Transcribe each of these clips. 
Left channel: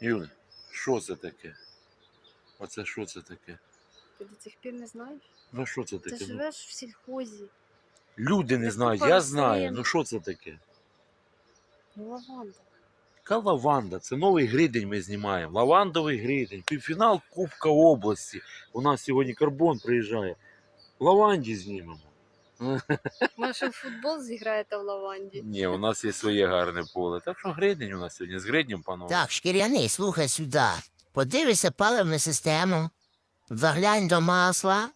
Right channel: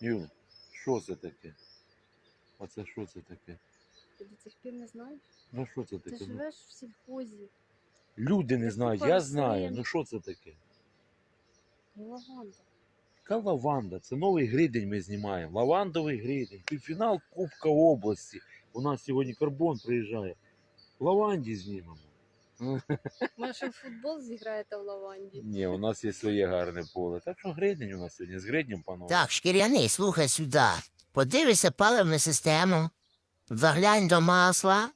Юль, що це таке? Оце що це таке? Ти до цих пір не знаєш? Ну що це Ти таке? Ну, живеш в сільхозі. люди не знають, я знаю. Ну що це таке? Ну, лаванда. Яка лаванда? Це новий гридень ми знімаємо. Лавандовий гридень. Півфінал Кубка області. У нас сьогодні карбон приїжджає. Лаванді знімемо. Може, в футбол зіграєте в лаванді? Ні, у нас є своє гарне поле. Так що гридень у нас сьогодні з гриднем, панове. Так, шкіряний, слухай сюди. Подивися паливну систему, заглянь до масла.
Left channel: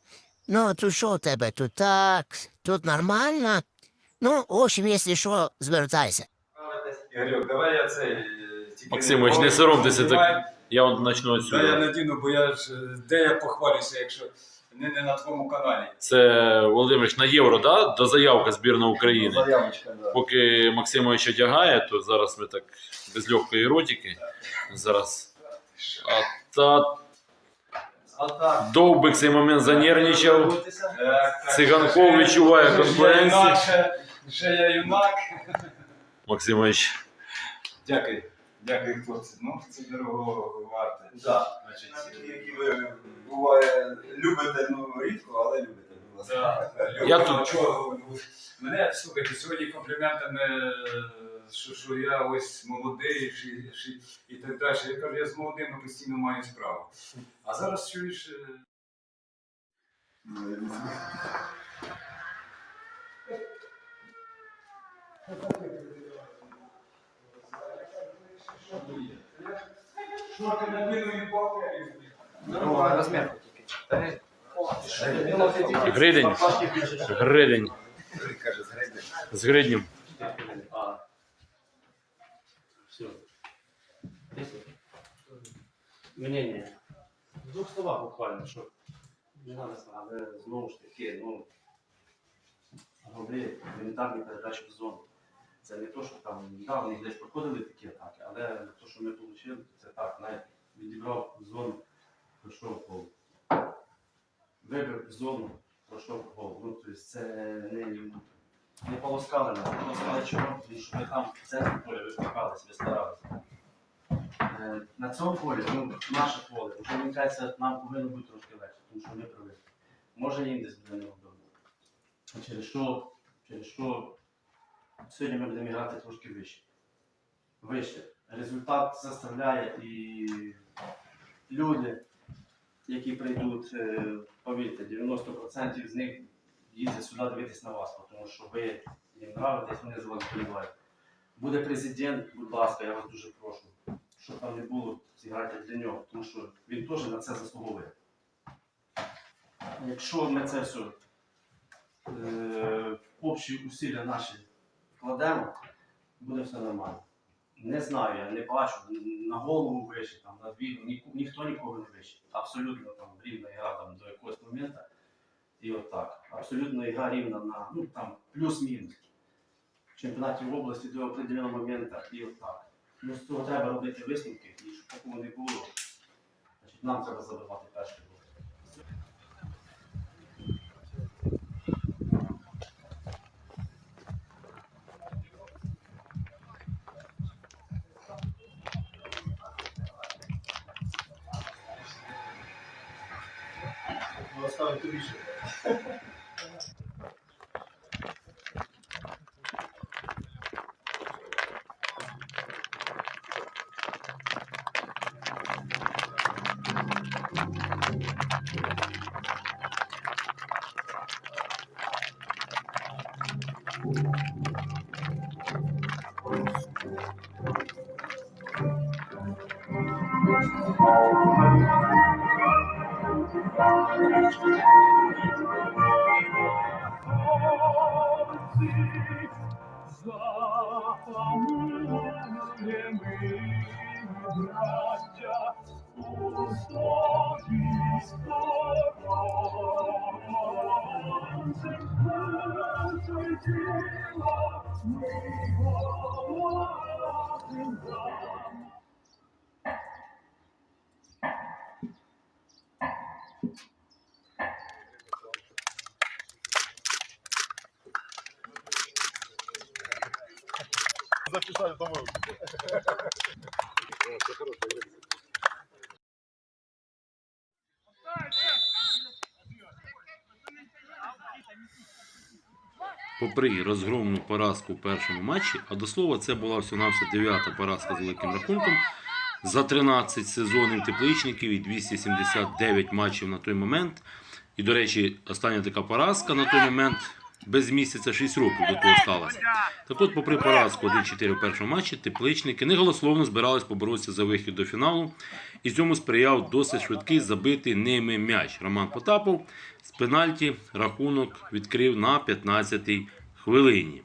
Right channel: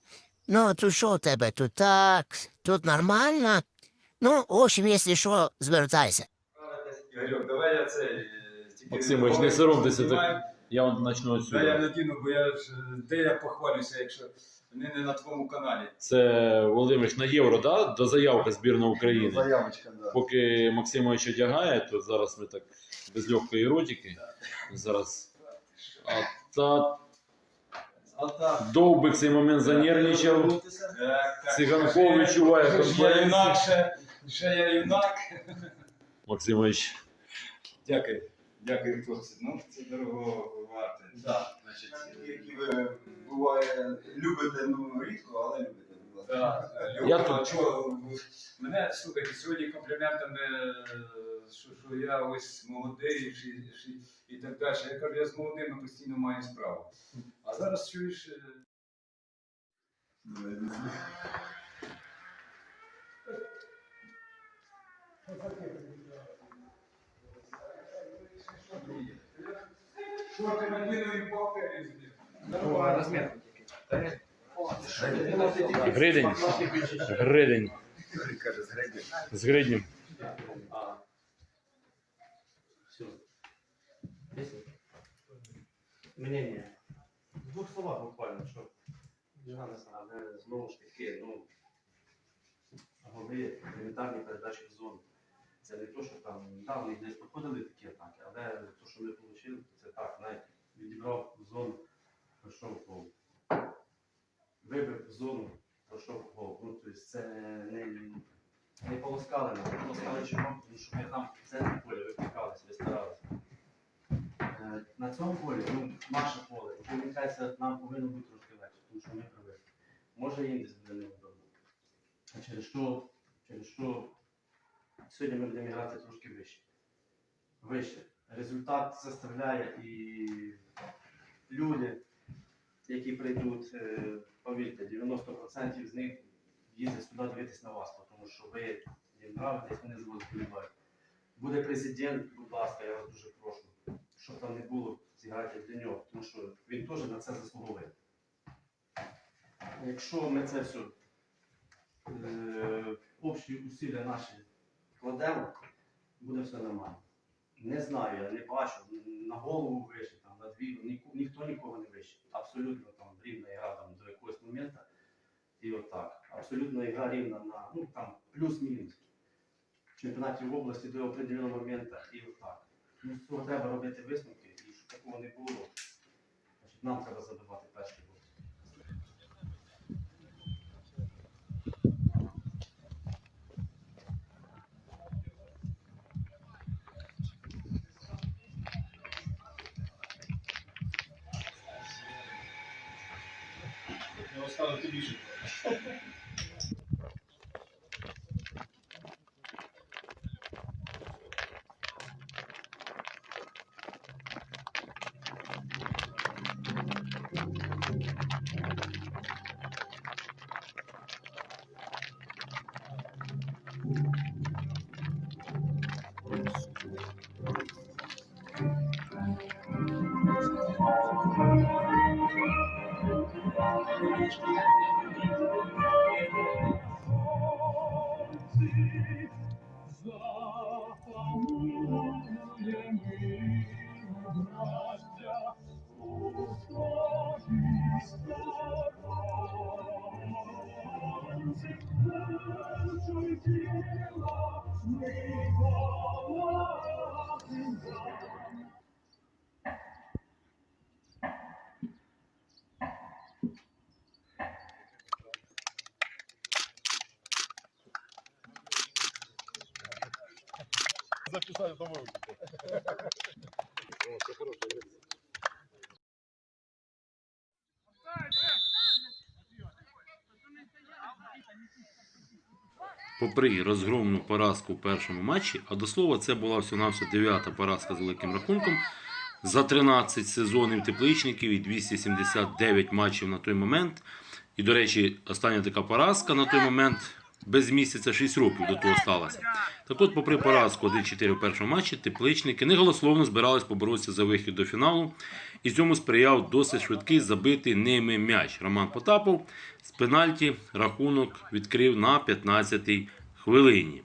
Ну, тут що у тебе? Тут так, тут нормально. Ну, в общем, якщо що, звертайся. Ігорьок, давай я цей. е, Максимович, не соромтеся так. Я от почну Да, я надіну, бо я ж де я похвалюся, якщо не, не на твоєму каналі. Це Володимирович на євро, да? До заявка збірна України. Заявочка, да. Поки Максимович одягає, то зараз ми так без легкої еротики. Зараз. А та А так. довбик цей момент занервничав. Так. Циганков відчуває Я конкуренцію. ще я юнак. Максимович. Дякую. Дякую, хлопці. Ну, це дорого варте. Да. Значить, Які ви буває любите, ну рідко, але любите, будь ласка. Я тут- чого, мене слухайте, сьогодні компліментами, е, що, що я ось молодий чи, чи, і так далі. Я кажу, я з молодими постійно маю справу. А зараз чуєш. е, Шорти надіну і бокері. Ну, а розмір тільки. Не- Гридень. Гридень. З гриднем. Все. Мнення. В двох словах буквально, що не знати, але знову ж таки, ну, голи елементарні передачі в зону. Це не то, що там, да, десь проходили такі атаки, але те, що ми отримали, це так, навіть відібрав зону, пройшов гол. Вибив зону, пройшов гол. Ну, тобто це не, не полоскали нас, полоскали чого, тому що ми там в центрі поля викликалися, ви старалися. Е, На цьому полі, ну, наше поле, вже мені кажеться, нам повинно бути трошки легше, тому що ми привикли. Може їм десь буде неудобно. Через що, через що сьогодні ми будемо грати трошки вище. Вище. Результат заставляє і люди, які прийдуть, е, повірте, 90% з них їздять сюди дивитись на вас, тому що ви їм нравитесь, вони за вас вболівають. Буде президент, будь ласка, я вас дуже прошу, щоб там не було, зіграйте для нього, тому що він теж на це заслуговує. Якщо ми це все е, общі усилля наші вкладемо, буде все нормально. Не знаю, я не бачу на голову вище, там, на дві, ні, ніхто нікого не вище. Абсолютно там рівна ігра там, до якогось моменту. І отак. Абсолютно ігра рівна на ну, там, плюс-мінус. Чемпіонаті в області до определеного моменту і отак. Ну, з цього треба робити висновки, і щоб такого не було, значить, нам треба забивати перший розказувати більше. Thank you. Записать домой. попри розгромну поразку в першому матчі, а до слова, це була всього-навсього дев'ята поразка з великим рахунком за 13 сезонів тепличників і 279 матчів на той момент. І, до речі, остання така поразка на той момент без місяця 6 років до того сталася. Так от, попри поразку 1-4 в першому матчі, тепличники неголословно збирались поборотися за вихід до фіналу. І цьому сприяв досить швидкий забитий ними м'яч. Роман Потапов з пенальті рахунок відкрив на 15-й хвилині.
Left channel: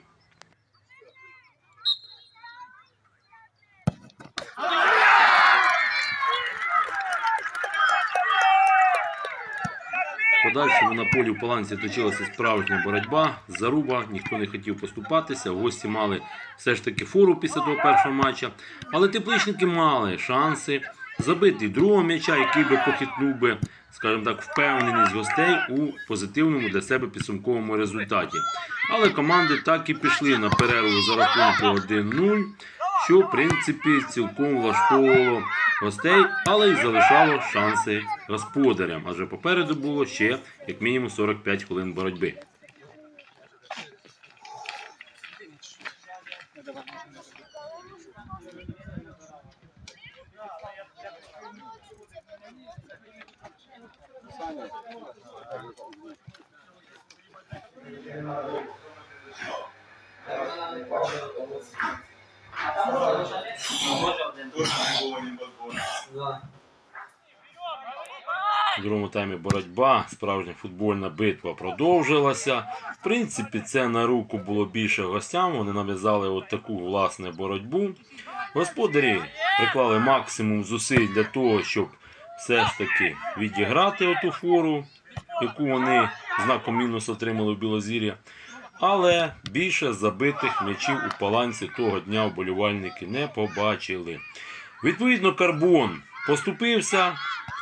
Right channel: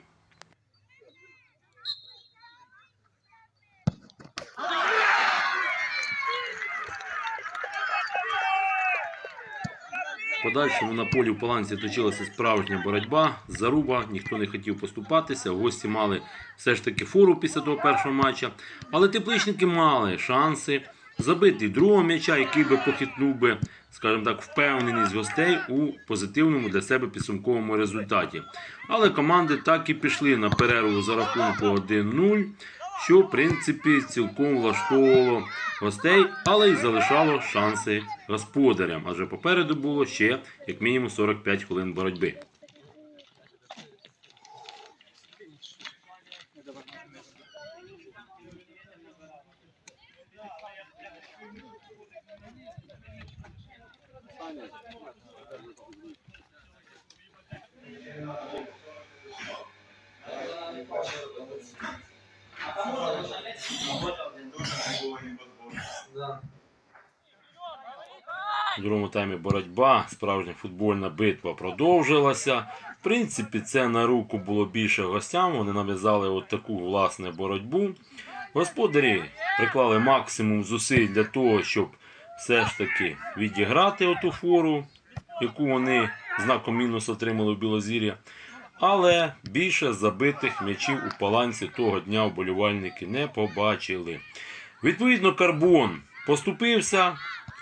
Подальшому на полі в Паланці точилася справжня боротьба, заруба, ніхто не хотів поступатися. Гості мали все ж таки фору після того першого матча. Але тепличники мали шанси забити другого м'яча, який би похитнув би, скажімо так, впевненість гостей у позитивному для себе підсумковому результаті. Але команди так і пішли на перерву за рахунку 1-0, що в принципі цілком влаштовувало гостей, але й залишало шанси господарям. Адже попереду було ще як мінімум 45 хвилин боротьби. У другому таймі боротьба, справжня футбольна битва продовжилася. В принципі, це на руку було більше гостям. Вони нав'язали от таку власне боротьбу. Господарі приклали максимум зусиль для того, щоб все ж таки відіграти оту фору, яку вони знаком мінус отримали в Білозір'я. Але більше забитих м'ячів у паланці того дня вболівальники не побачили. Відповідно, карбон поступився,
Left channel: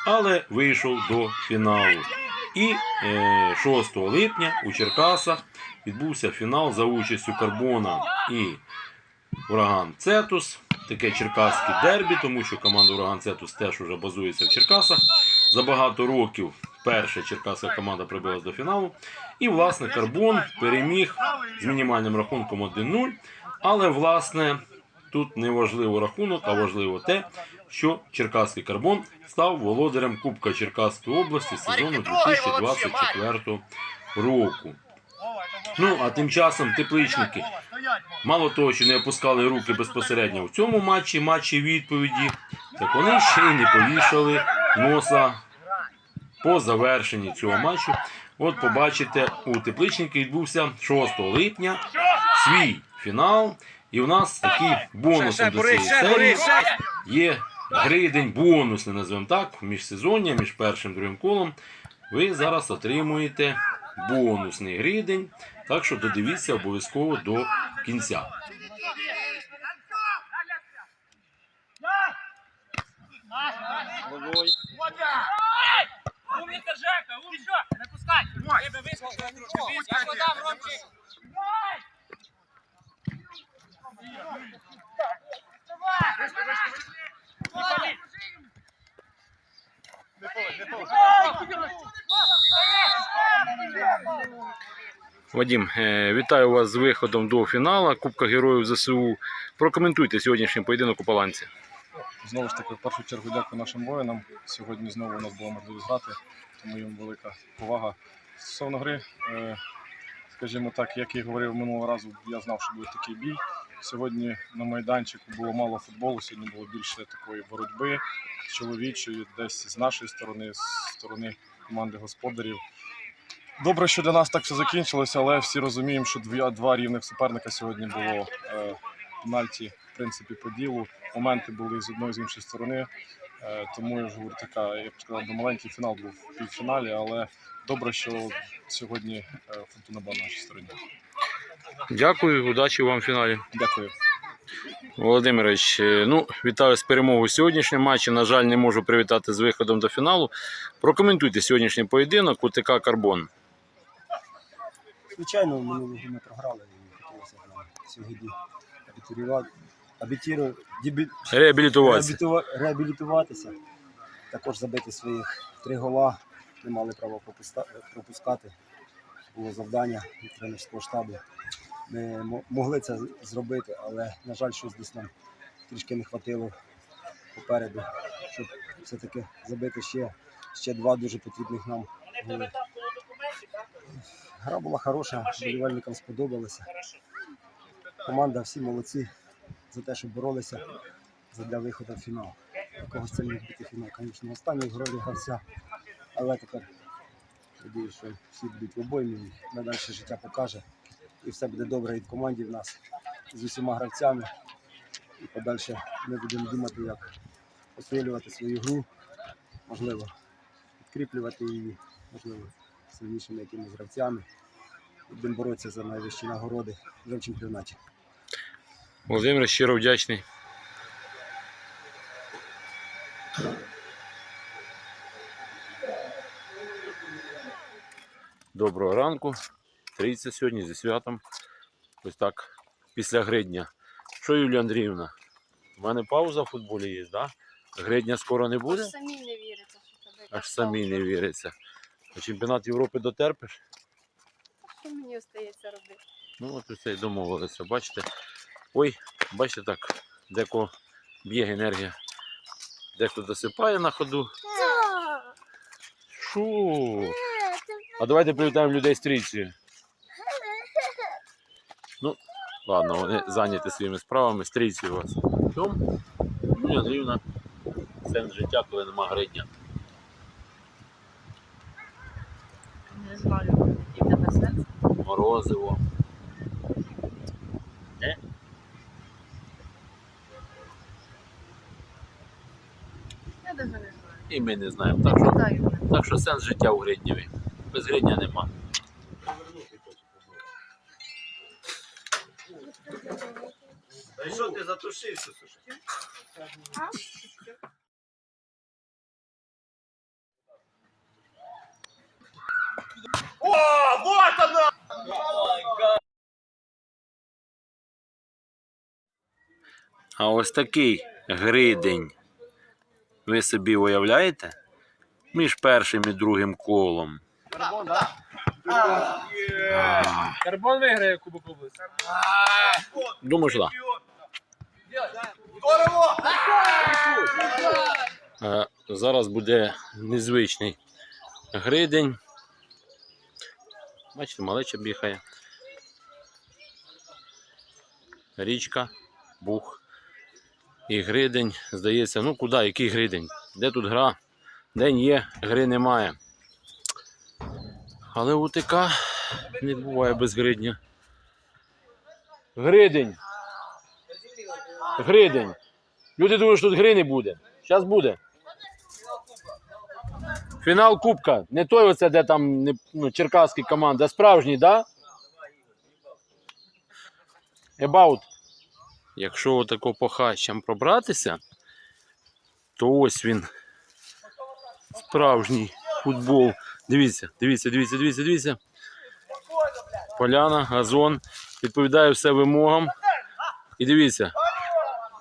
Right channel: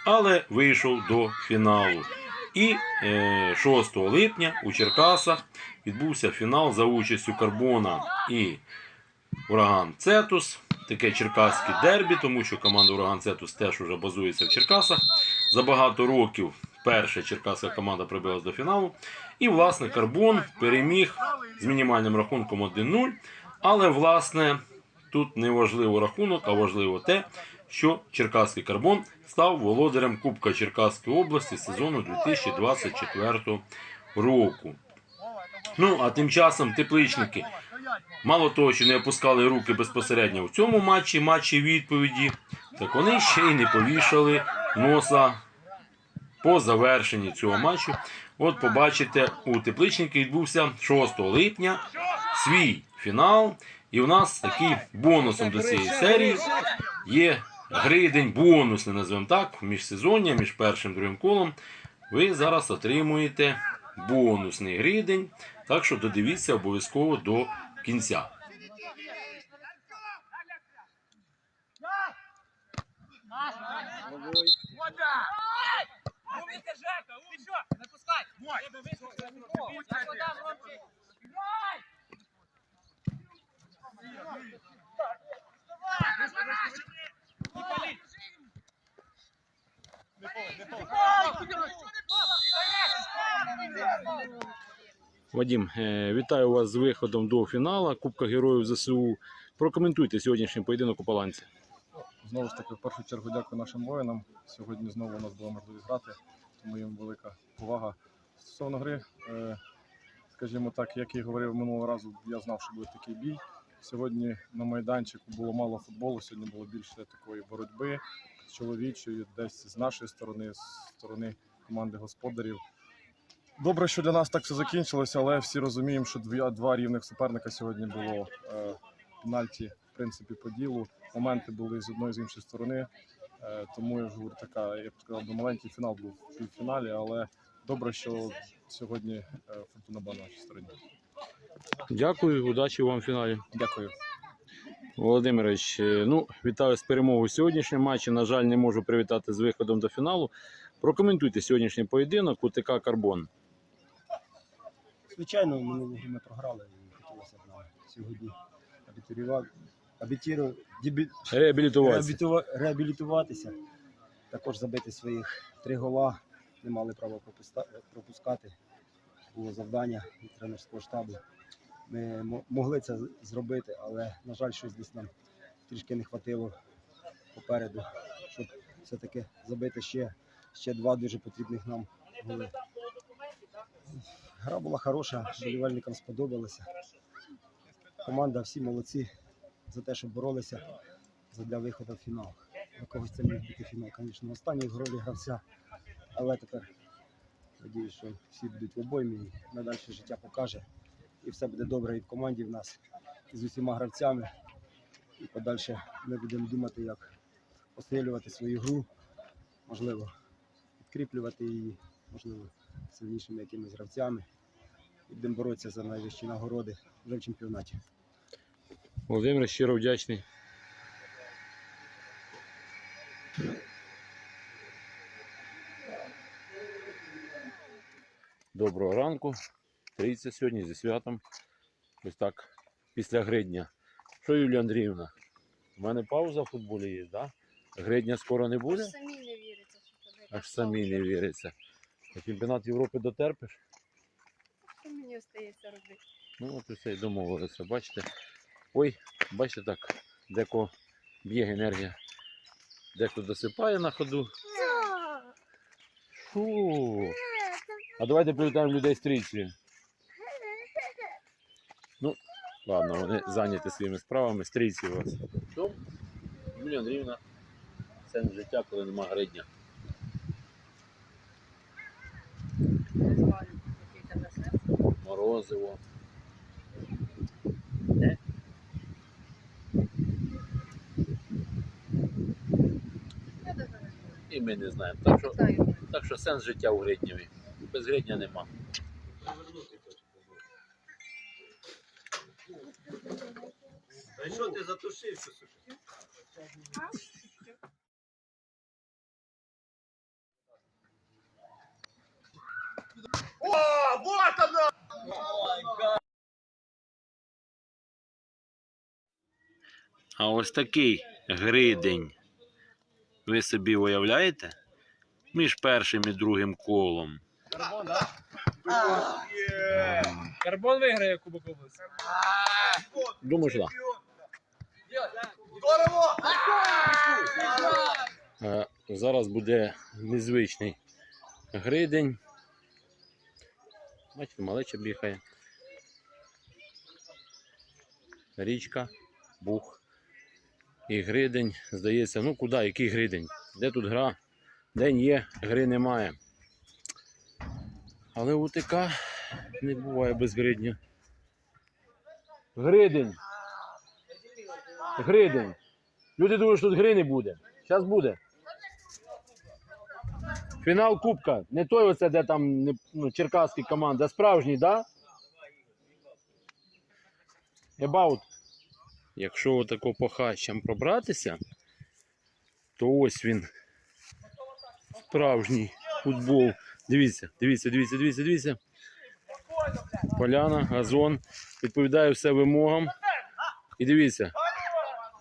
але вийшов до фіналу. І е, 6 липня у Черкасах відбувся фінал за участю Карбона і Ураган Цетус. Таке черкаське дербі, тому що команда Ураган Цетус теж вже базується в Черкасах. За багато років перша черкаська команда прибилась до фіналу. І, власне, Карбон переміг з мінімальним рахунком 1-0. Але, власне, тут не важливо рахунок, а важливо те, що Черкаський карбон став володарем Кубка Черкаської області сезону 2024 року. Ну, а тим часом тепличники, мало того, що не опускали руки безпосередньо в цьому матчі, матчі відповіді, так вони ще й не повішали носа по завершенні цього матчу. От побачите, у тепличники відбувся 6 липня свій фінал. І у нас такий бонусом до цієї серії є гридень бонусний, називаємо так, міжсезоння, між першим і другим колом. Ви зараз отримуєте бонусний гридень. Так що додивіться обов'язково до кінця. Умніка, Вадім, е, вітаю вас з виходом до фіналу Кубка Героїв ЗСУ. Прокоментуйте сьогоднішній поєдинок у Паланці. Знову ж таки, в першу чергу дякую нашим воїнам. Сьогодні знову у нас була можливість грати, тому їм велика повага. Стосовно гри, е, скажімо так, як і говорив минулого разу, я знав, що буде такий бій. Сьогодні на майданчику було мало футболу, сьогодні було більше такої боротьби чоловічої, десь з нашої сторони, з сторони команди господарів. Добре, що для нас так все закінчилося, але всі розуміємо, що дві, два рівних суперника сьогодні було е, пенальті, в принципі, по ділу. Моменти були з одної з іншої сторони. Е, тому я вже така, я б сказав, маленький фінал був в півфіналі, але добре, що сьогодні е, фортуна була на нашій стороні. Дякую, удачі вам в фіналі. Дякую. Володимирович, е, ну, вітаю з перемогою сьогоднішнього матчі. На жаль, не можу привітати з виходом до фіналу. Прокоментуйте сьогоднішній поєдинок УТК Карбон. Звичайно, минулого ми програли і хотілося сьогодні абітіру- дебі- Реабілітуватися. реабілітуватися. Також забити своїх три гола. Не мали права пропускати. Було завдання від тренерського штабу. Ми могли це зробити, але, на жаль, щось десь нам трішки не хватило попереду, щоб все-таки забити ще, ще два дуже потрібних нам голи. Гра була хороша, болівальникам сподобалося. Команда всі молодці за те, що боролися для виходу в фінал. Когось це міг бути фінал, звісно, останній ролі гравця. Але тепер надію, що всі будуть в обоймі, надальше життя покаже. І все буде добре і в команді в нас з усіма гравцями. І подальше ми будемо думати, як посилювати свою гру, можливо, підкріплювати її, можливо, сильнішими якимись гравцями. Будемо боротися за найвищі нагороди вже в чемпіонаті. Володимир щиро вдячний. Доброго ранку. Трійця сьогодні зі святом. Ось так, після гридня. Що, Юлія Андріївна? У мене пауза в футболі є, так? Да? Гридня скоро не буде? Аж самі не віриться, що тебе. Аж самі не віриться. А чемпіонат Європи дотерпиш? Що мені остається робити? Ну, от усе й домовилися. Бачите? Ой, бачите так, деко б'є енергія. Дехто досипає на ходу. Шу. А давайте привітаємо людей з трійцею. Ну, ладно, вони зайняті своїми справами, з трійцею у вас. Чому? Юлія Андріївна, сенс життя, коли нема гридня. Не знаю, який тебе сенс. Морозиво. Не? Я навіть не знаю. І ми не знаємо. Так що, так що сенс життя у гриднєві. Без гридня нема. Та що ти затушився, слушай? А ось такий гридень. Ви собі уявляєте? Між першим і другим колом. Карбон, так? Карбон виграє Кубок області. Думаю, що так. Е, Зараз буде незвичний гридень. Бачите, малеча бігає. Річка, бух. І гридень, здається, ну куди, який гридень? Де тут гра? День є, гри немає. Але УТК не буває без гридня. Гридень. Гридень. Люди думають, що тут гри не буде. Зараз буде. Фінал Кубка. Не той оце, де там ну, черкаські команди, а справжній, да? About. Якщо отако по хащам пробратися, то ось він. Справжній футбол. Дивіться, дивіться, дивіться, дивіться, дивіться. Поляна, газон. Відповідає все вимогам. І дивіться.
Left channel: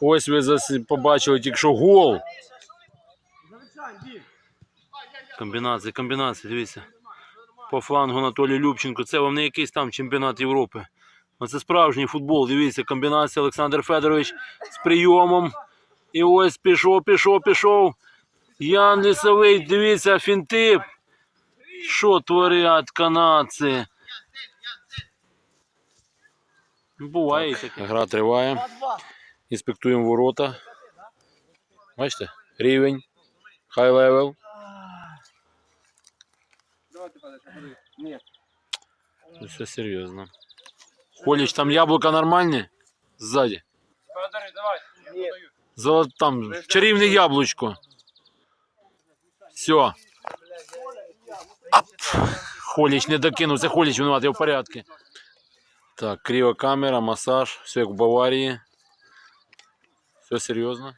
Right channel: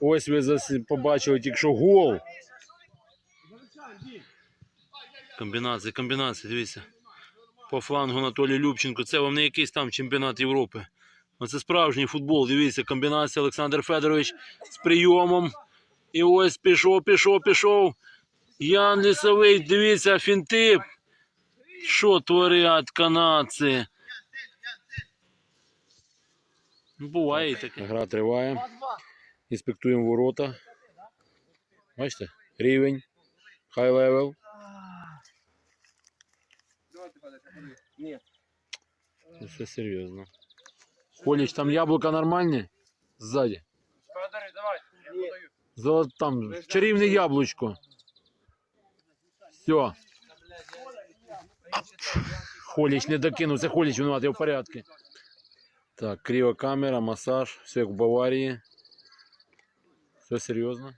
Ось ви побачили тільки що гол. Комбінації, комбінації, дивіться. По флангу Анатолій Любченко. Це вам не якийсь там чемпіонат Європи. Оце справжній футбол. Дивіться, комбінація Олександр Федорович з прийомом. І ось пішов, пішов, пішов. Ян Лісовий, дивіться, фінти. Що творять канадці? Ну, Буває і таке. Гра триває. Інспектуємо ворота. Бачите? Рівень. Хай левел. Це все серйозно. Коліч, там яблука нормальні? Ззаді. Федор, давай. Золо... Там чарівне яблучко. Все. Холіч не докинув, це Холіч винуватий в порядку. Так, криокамера, масаж, все як в Баварії. Все серйозно.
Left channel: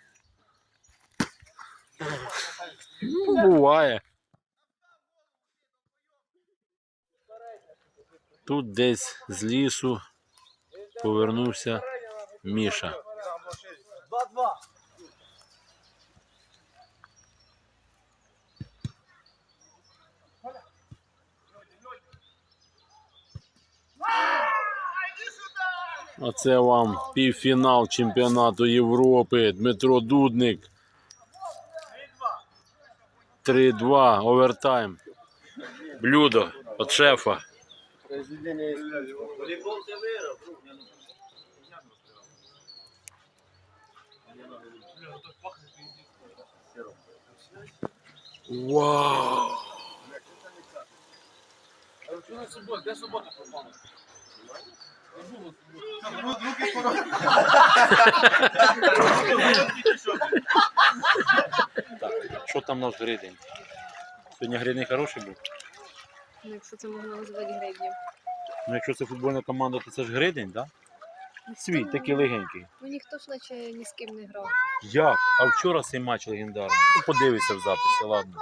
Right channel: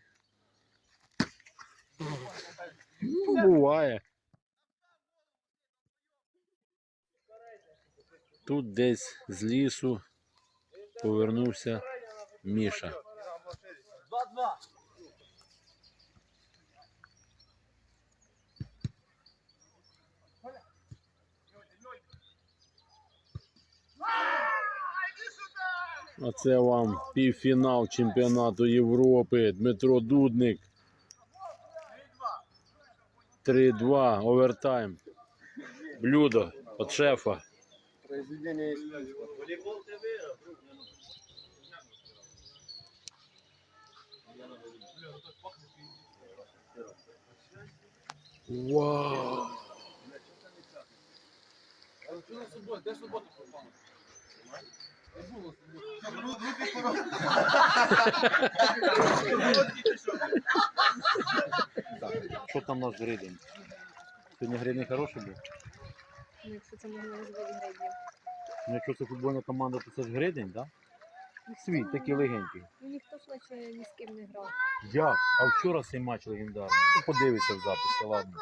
Ну, буває. Тут десь з лісу повернувся Міша. Оце вам півфінал чемпіонату Європи. Дмитро Дудник. 3-2, овертайм. Блюдо від шефа. Вау! Що там наш гридень? Сьогодні гридень хороший був? Ну, Якщо це можна назвати гребнем. Ну, якщо це футбольна команда, то це ж гридень, так? Свій, такий легенький. Ну ніхто ж наче ні з ким не грав. Як? А вчора цей матч легендарний. Ну, подивися в записі, ладно.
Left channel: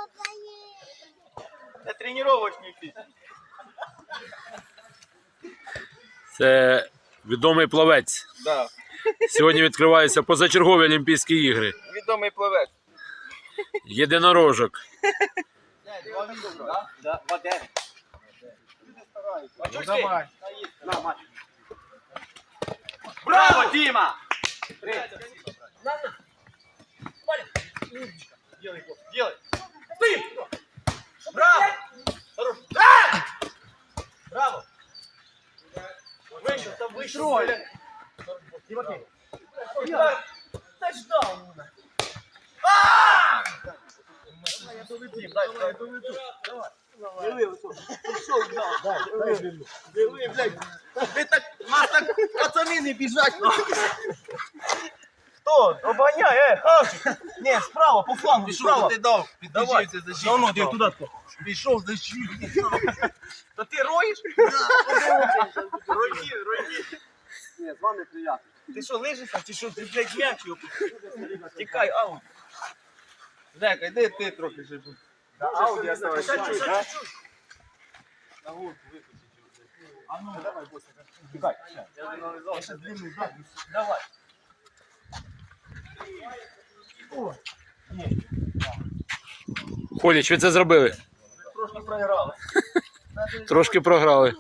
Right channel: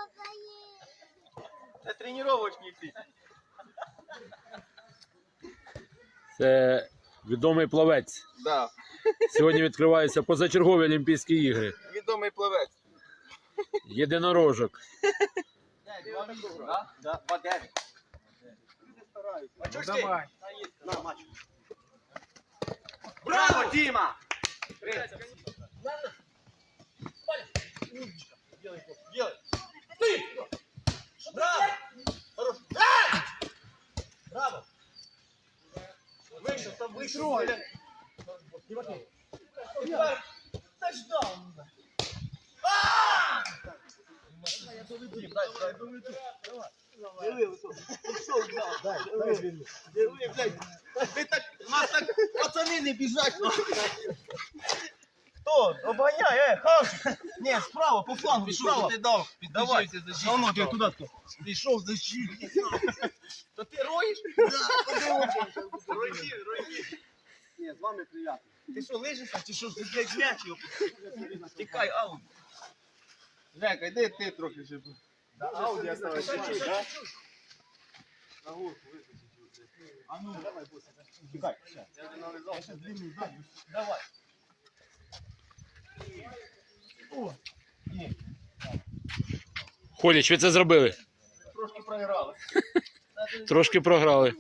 Це тренувачний фіт. Це відомий плавець. Да. Сьогодні відкриваються позачергові Олімпійські ігри. Відомий плавець. Єдинорожок. Браво, Діма! Делай, делай. Ты! Браво! Хорош. А! Браво! Выше, там выше. блядь. Тимофей. Тачдаун! А! Дим, дай, дай, доведу. Давай. Диви, пішов, да. Диви, блядь. Ви так, вас так пацани не біжать. Хто? Обганяй, е, хавчик. Ні, справа, по флангу, справа. Ти дав, Давай. Ну, ну, ти туди хто? Пішов защитник. Та ти роїш? Рої, рої. Ні, з вами приятно. Ти що, лижешся, чи що, ти, блядь, м'яч його? Тікай, аут. Зека, йди ти трохи ще. Да, ауді оставайся. А ну, давай, босса. Тікай. Я нав'язав. Я ще длинний ззаду. Давай. Холіч, ви це зробили? Трошки програли. Трошки програли.